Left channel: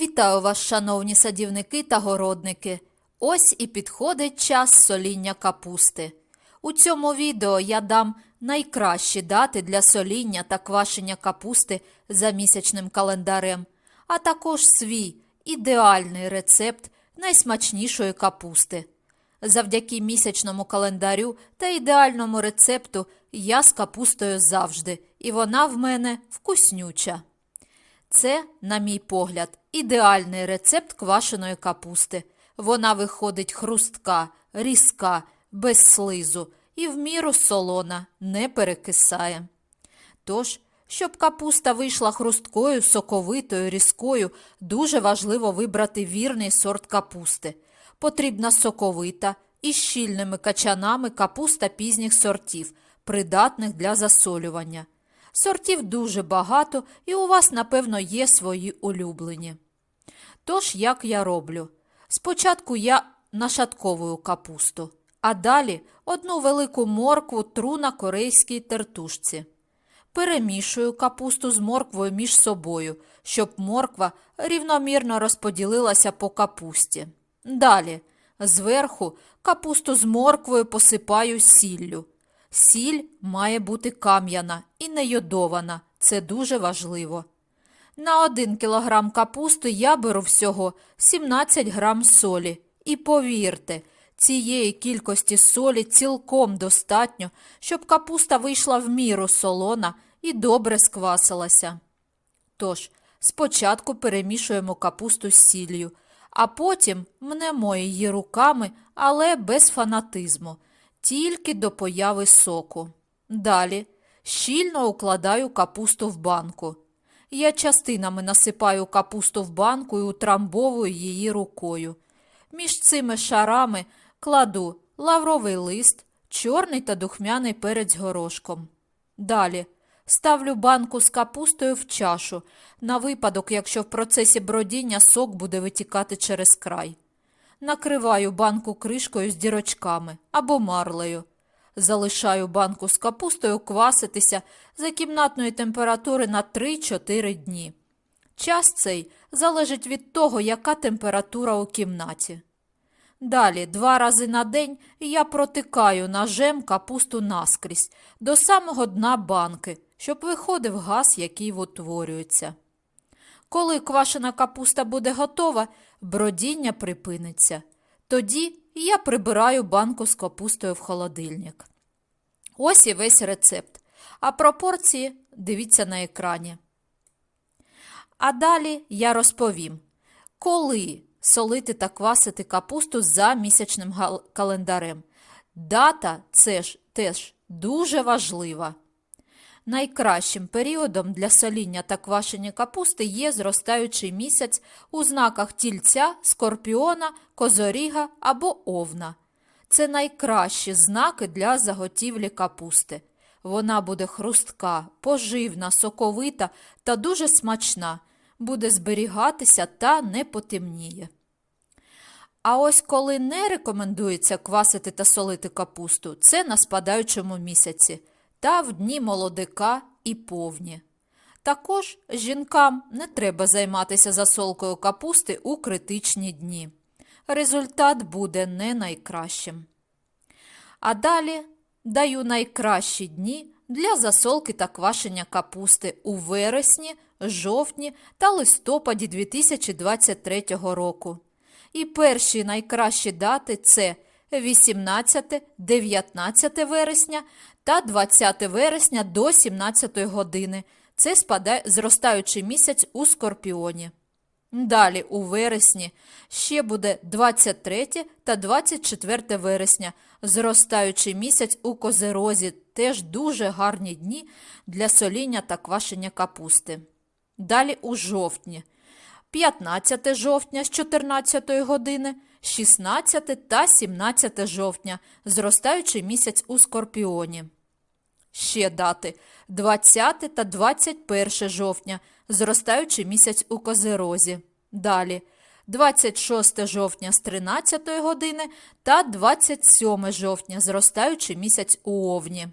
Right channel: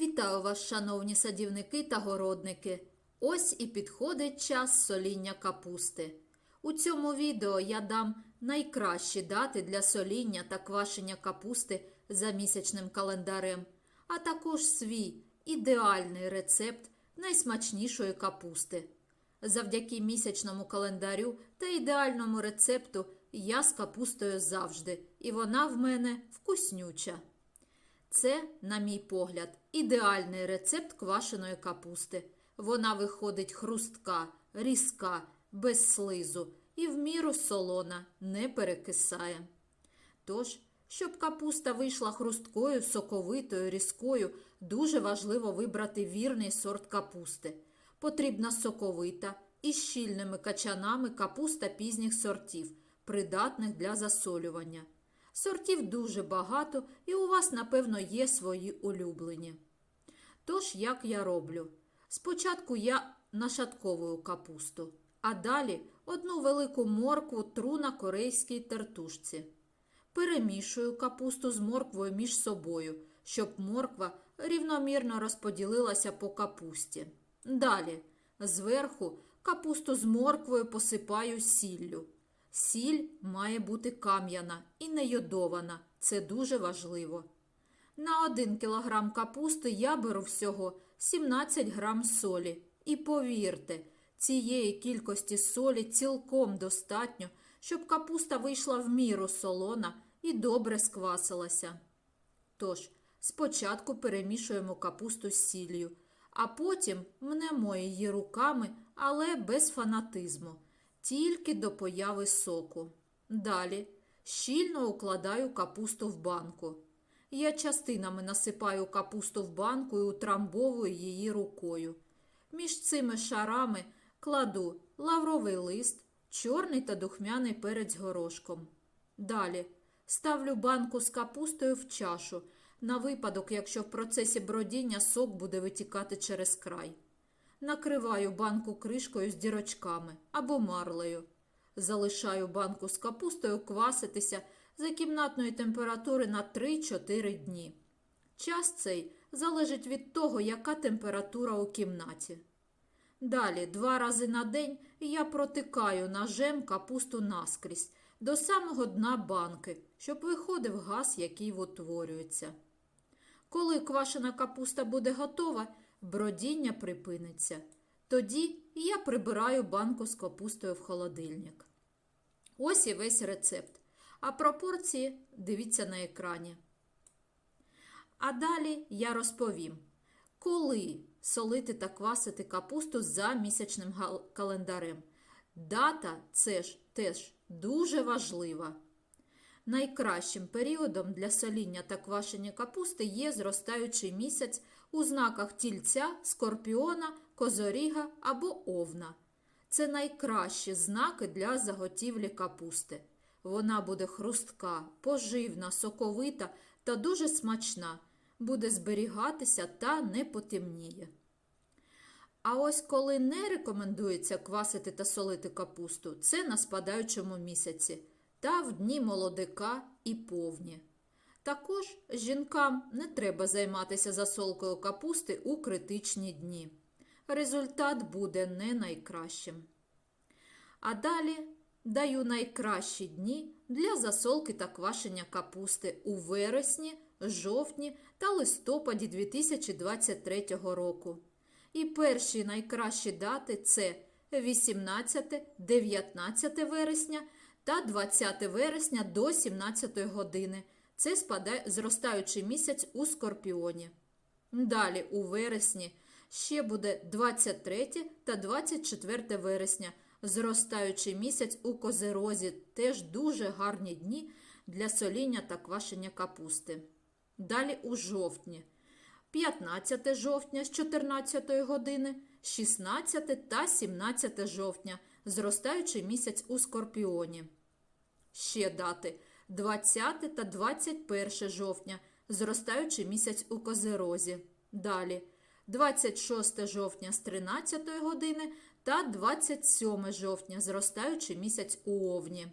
Вітаю вас, шановні садівники та городники. Ось і підходить час соління капусти. У цьому відео я дам найкращі дати для соління та квашення капусти за місячним календарем, а також свій ідеальний рецепт найсмачнішої капусти. Завдяки місячному календарю та ідеальному рецепту я з капустою завжди, і вона в мене вкуснюча. Це, на мій погляд, ідеальний рецепт квашеної капусти. Вона виходить хрустка, різка, без слизу і в міру солона, не перекисає. Тож, щоб капуста вийшла хрусткою, соковитою, різкою, дуже важливо вибрати вірний сорт капусти. Потрібна соковита і щільними качанами капуста пізніх сортів, придатних для засолювання. Сортів дуже багато, і у вас, напевно, є свої улюблені. Тож, як я роблю? Спочатку я нашатковую капусту, а далі одну велику моркву тру на корейській тертушці. Перемішую капусту з морквою між собою, щоб морква рівномірно розподілилася по капусті. Далі, зверху, капусту з морквою посипаю сіллю. Сіль має бути кам'яна і не йодована. Це дуже важливо. На 1 кілограм капусти я беру всього 17 грам солі. І повірте, цієї кількості солі цілком достатньо, щоб капуста вийшла в міру солона і добре сквасилася. Тож, спочатку перемішуємо капусту з сіллю, а потім мнемо її руками, але без фанатизму, тільки до появи соку. Далі щільно укладаю капусту в банку. Я частинами насипаю капусту в банку і утрамбовую її рукою. Між цими шарами кладу лавровий лист, чорний та духмяний перець горошком. Далі ставлю банку з капустою в чашу, на випадок, якщо в процесі бродіння сок буде витікати через край. Накриваю банку кришкою з дірочками або марлею. Залишаю банку з капустою кваситися за кімнатної температури на 3-4 дні. Час цей залежить від того, яка температура у кімнаті. Далі, два рази на день я протикаю ножем капусту наскрізь до самого дна банки, щоб виходив газ, який утворюється. Коли квашена капуста буде готова, бродіння припиниться. Тоді я прибираю банку з капустою в холодильник. Ось і весь рецепт. А пропорції дивіться на екрані. А далі я розповім, коли солити та квасити капусту за місячним календарем. Дата це ж теж дуже важлива. Найкращим періодом для соління та квашення капусти є зростаючий місяць у знаках тільця, скорпіона, козоріга або овна. Це найкращі знаки для заготівлі капусти. Вона буде хрустка, поживна, соковита та дуже смачна, буде зберігатися та не потемніє. А ось коли не рекомендується квасити та солити капусту, це на спадаючому місяці та в дні молодика і повні. Також жінкам не треба займатися засолкою капусти у критичні дні. Результат буде не найкращим. А далі даю найкращі дні для засолки та квашення капусти у вересні, жовтні та листопаді 2023 року. І перші найкращі дати це 18, 19 вересня та 20 вересня до 17 години. Це спадає зростаючий місяць у Скорпіоні. Далі у вересні ще буде 23 та 24 вересня, зростаючий місяць у Козерозі, теж дуже гарні дні для соління та квашення капусти. Далі у жовтні. 15 жовтня з 14 години, 16 та 17 жовтня, зростаючий місяць у Скорпіоні. Ще дати 20 та 21 жовтня, зростаючий місяць у Козерозі. Далі 26 жовтня з 13 години та 27 жовтня, зростаючий місяць у Овні.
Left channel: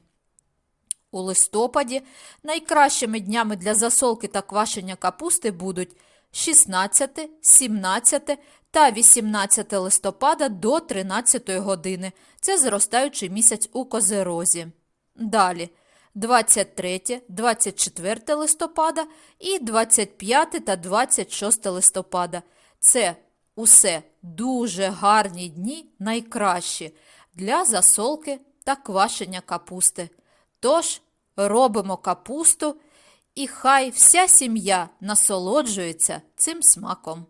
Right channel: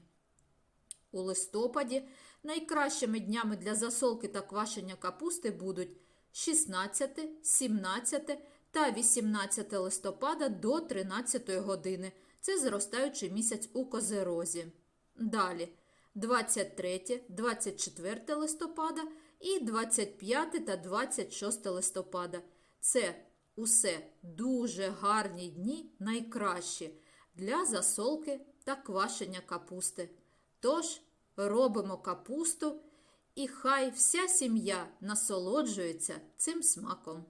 У листопаді найкращими днями для засолки та квашення капусти будуть 16, 17 та 18 листопада до 13 години. Це зростаючий місяць у Козерозі. Далі 23, 24 листопада і 25 та 26 листопада. Це усе дуже гарні дні, найкращі для засолки та квашення капусти. Тож робимо капусту, і хай вся сім'я насолоджується цим смаком.